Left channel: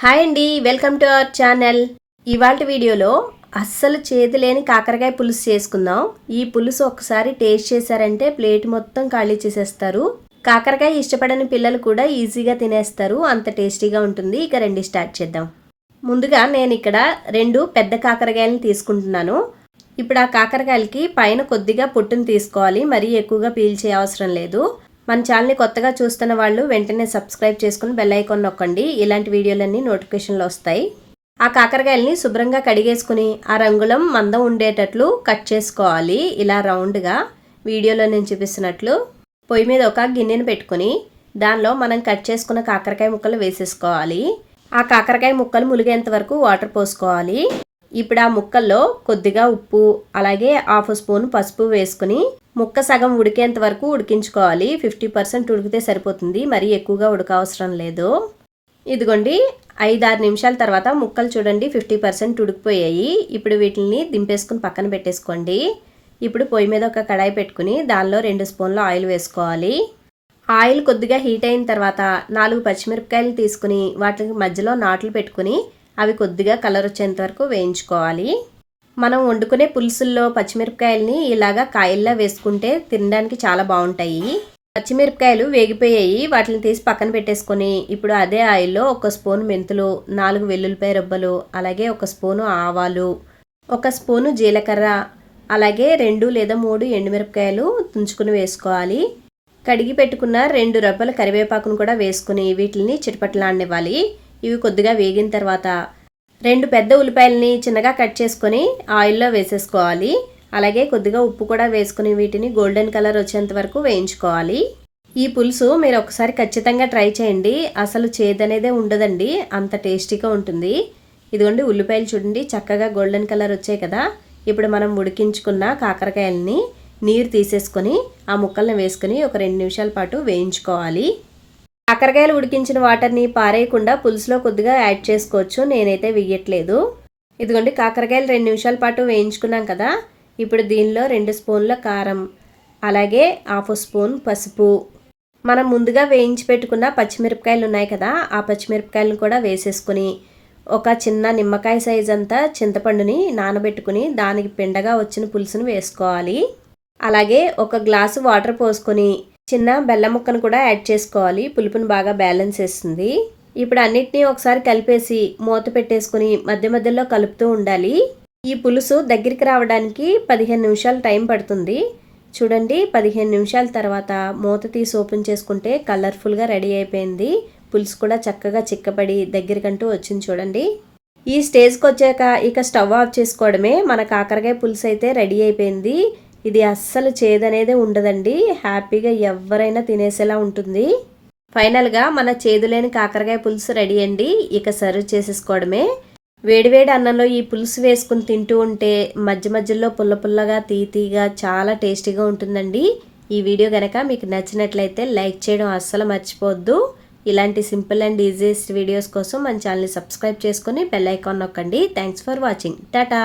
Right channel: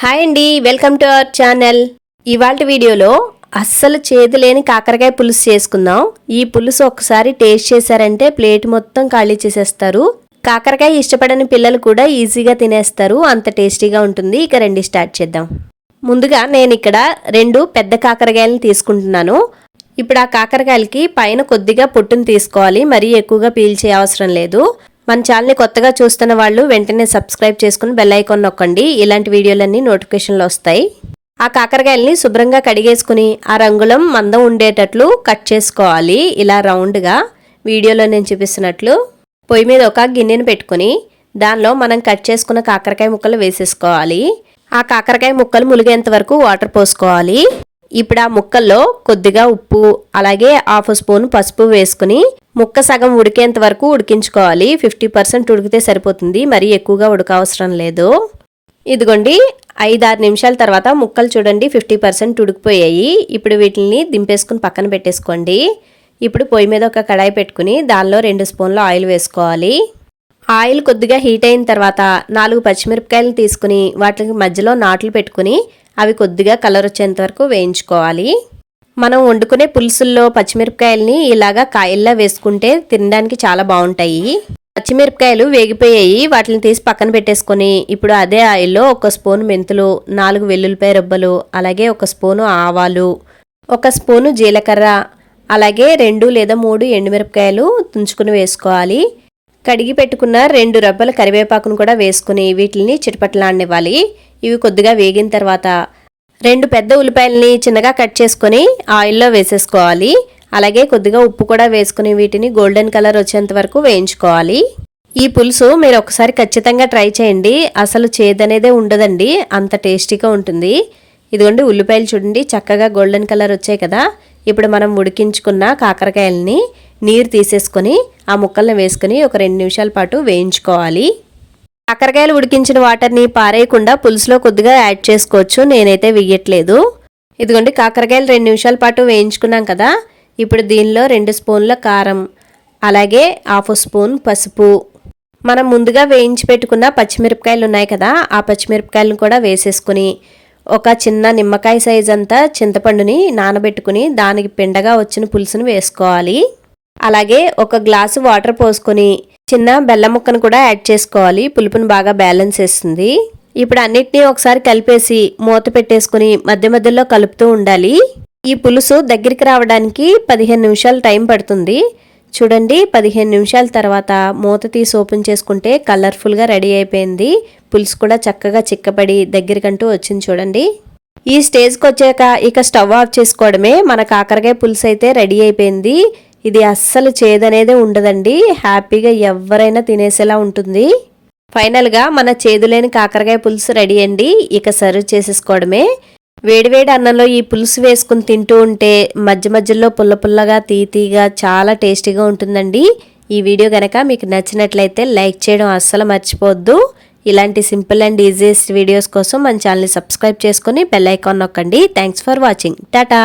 Hi అండి welcome to our channel. ఇవాళ వీడియోలో అస్సలు చేదు లేని కాకరకాయ పులుసు చేసుకుందాం. ఈ పులుసు ఒకసారి టేస్ట్ చేశారంటే ప్లేట్ మొత్తం ఖాళీ చేసేస్తారు. కాకరకాయ ఇష్టపడని పిల్లలు కూడా ఈజీగా తినేస్తారు. అంత టేస్టీగా ఉంటుంది. ఇక రెండు స్టార్ట్ చేద్దాం. ముందుగా నేను ఇక్కడ రెండు పెద్ద కాకరకాయలను తీసుకుంటున్నాను. ఇప్పుడు ఆ కాకరకాయలకి పైన కొద్దిగా పొట్టును తీసుకోవాలి. మరీ ఎక్కువగా పీల్చే అవసరం లేదు. మన ఛానల్ని కొత్తగా చూస్తున్న వాళ్ళు వెంటనే సబ్స్క్రైబ్ చేసుకుని బెల్ ఐకాన్ నొక్కండి. ఇలాంటి వీడియోలన్నీ నోటిఫికేషన్లు వస్తాయి. ఆ కాకరకాయల్ని శుభ్రంగా కడిగేసుకుని ఆ రంగులం మందం ఉండేటట్లు కట్ చేసుకోవాలి. ఇలా రౌండ్గా వీడియోలో నేను చూపిస్తున్నట్లు పొయ్యి మీద ఒక గిన్నెను పెట్టుకుని దానిలో మనం కట్ చేసుకున్న కాకరకాయ ముక్కలు వేసేసుకోవాలి. ఆ కాకరకాయ ముక్కలు ములిగేంత వరకు వాటర్ పోసుకోవాలి. ఇప్పుడు ఆ ముక్కల్లో కొద్దిగా ఉప్పు అలాగే హాఫ్ స్పూన్ పసుపు వేసుకుని ముక్క సగం ఉడికేంత వరకు ఉడికించుకోవాలి. ఫిఫ్టీ పర్సెంట్ ఉడికితే సరిపోతుంది. మరీ ఎక్కువగా ఉడకవసరం లేదు. ఇదిగోండి ఐదారు నిమిషాల తర్వాత ముక్కలు చూడండి ఫిఫ్టీ పర్సెంట్ ఉడికిపోయాయి. ఇప్పుడు వీటిని దింపేసుకుని పక్కన పెట్టేసుకోండి. ఇప్పుడు పొయ్యి మీద ఒక కడాయి పెట్టుకుని దానిలో రెండు స్పూన్ల ఆయిల్ వేసుకోవాలి. ఆయిల్ కొద్దిగా హీట్ అయిన తర్వాత నాలుగు పచ్చిమిరపకాయలు తీసుకుని వాటికి మధ్యలో నాట్లు పెట్టుకుని అవి కొద్దిగా కలర్ వచ్చేంత వరకు వేయించుకోవాలి. మనం వండుకునే పులుసుల్లో పచ్చిమిరపకాయలని ఇలాగా కాయల్లా వేసుకుంటే తినడానికి చాలా బాగుంటాయి. పచ్చిమిరపకాయలు వేగిపోయాయి వాటిని తీసి పక్కన పెట్టేసుకొని ఇప్పుడు అదే ఆయిల్లో ఒక స్పూన్ మెంతులు నాలుగు వెల్లుల్లిపాయ రబ్బలు అలాగే ఒక స్పూను ఆవాలు ఒక స్పూను జీలకర్ర అలాగే రెండు లేదా మూడు ఎండుమిరపకాయలు తుంచుకుని వేసుకోవాలి. కడిగి పెట్టుకున్న రెండు రబ్బల కరివేపాకును కూడా వేసుకుని వీటిని చిటపట్లాడనివ్వాలి. ఇవి కొద్దిగా వేగిన తర్వాత రెండు పెద్ద ఉల్లిపాయలని చిన్నగా కట్ చేసుకొని ఆయిల్లో వేసేసుకోవాలి. అలాగే కొద్దిగా ఉప్పు కూడా వేసుకుని వీటిని గోల్డెన్ కలర్ వచ్చేంత వరకు వేయించుకోవాలి. ఈ పులుసు మీరు ఒకసారి ఖచ్చితంగా ట్రై చేయండి. అసలు చేదనేదే ఉండదండి. అంత టేస్టీగా ఉంటుంది. ఇదిగోండి ఉల్లిపాయలు చూడండి చక్కగా గోల్డెన్ కలర్ వచ్చాయి కదా. ఇప్పుడు మనం ఉడికించుకున్న కాకరకాయలని నీరు తీసేసుకొని ఆ ముక్కల్ని వేసుకొని ఒక రెండు నిమిషాల పాటు వేయించుకోవాలి. కాకరకాయలు ఉడికించిన వాటర్ని పారేయకుండా పులుసులో కొద్దిగా యాడ్ చేసుకోవచ్చు. నేనైతే వేయట్లేదు. ఇదిగోండి కాకరకాయలు రెండు నిమిషాల పాటు వేయించుకున్నాం కదా. ఇప్పుడు దీనిలో రెండు స్పూన్ల కారం అలాగే హాఫ్ స్పూన్ పసుపు. మనం ముందుగా వేయించి పెట్టుకున్న పచ్చిమిరపకాయలు ఉన్నాయి కదా ఆ పచ్చిమిరపకాయలను కూడా వేసేసుకుని ఒక చిన్న నిమ్మకాయ సైజ్ అంతా చింతపండుని నానబెట్టుకుని దానికి పిండగా వచ్చిన పులుసును వేసుకోవాలి. అలాగే ఒక గ్లాసు వాటర్ పోసుకొని చిన్న బెల్లం ముక్కను కూడా యాడ్ చేసుకోవాలి. పులుపుని బాగా బ్యాలెన్స్ చేస్తుంది. ఇప్పుడు అన్నిటినీ ఒకసారి కలిపేసి మూత పెట్టేసుకుని మధ్య మధ్యలో కలుపుతూ ఉండాలి. ఈ పులుసు దగ్గరికి రావడానికి పదిహేను నిమిషాలు టైం పడుతుంది. చూడండి పదిహేను నిమిషాల తర్వాత మూత తీసి ఓపెన్ చేసుకుంటే కలర్ఫుల్గా రెడీ అయిపోయింది. పులుసు కూడా చక్కగా చిక్కబడి దగ్గరికంటూ వచ్చింది చూడండి. ఈ స్టేజ్కి వచ్చాక ఇక స్టవ్ ఆఫ్ చేసుకోవడమే. మన కాకరకాయ పులుసు అయితే రెడీ అయిపోయింది. ఇది అస్సలు చేదనేదే ఉండదండి. హ్యాపీగా ఎవరైనా తినేసేలా ఉంటుంది. ఫైనల్గా మన చేదులేని కాకరకాయ పులుసు రెడీ అండి. ఇక సర్వ్ చేసేసుకోవడమే. వేడివేడి అన్నంలో ఈ పులుసు వేసుకుని తింటూ ఉంటే మధ్య మధ్యలో పుల్ల పుల్లగా తీతీగా చాలా టేస్టీగా ఉంటుందండి. ఈ వీడియో కనుక మీకు నచ్చినట్లయితే లైక్ చేయడం అస్సలు మర్చిపోవద్దు. ఇలాంటి సింపుల్ అండ్ ఈజియెస్ట్ వీడియోస్ కోసం మన ఛానల్ని సబ్స్క్రైబ్ చేసుకుని బెల్ ఐకాన్ నొక్కండి. Thanks for watching. టాటా!